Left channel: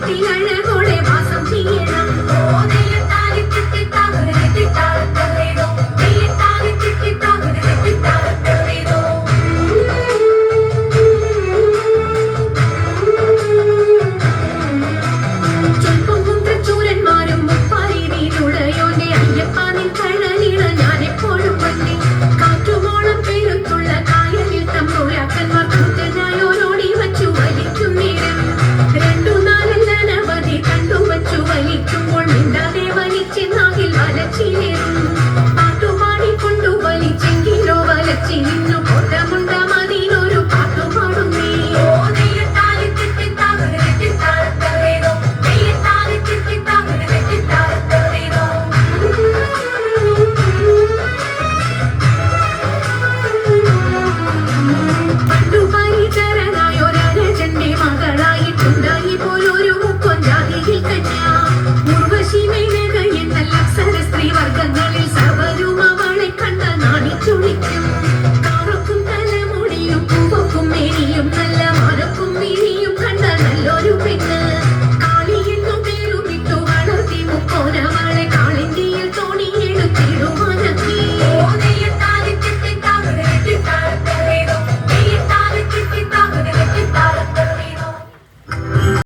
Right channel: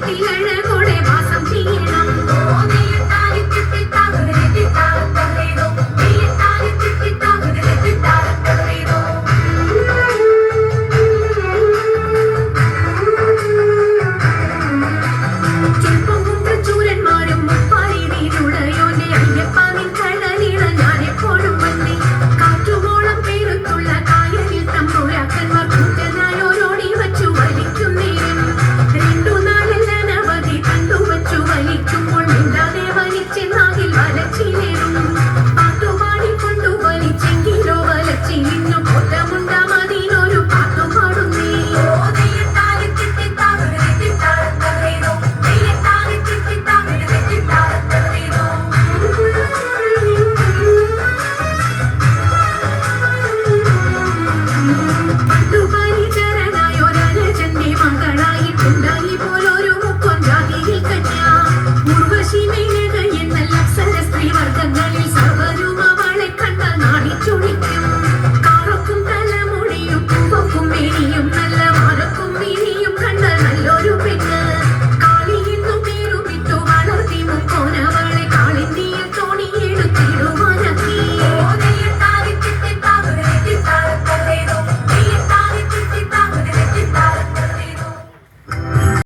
മനസ്സിലഴകോടെ വാസം ചെയ്യണം. to you.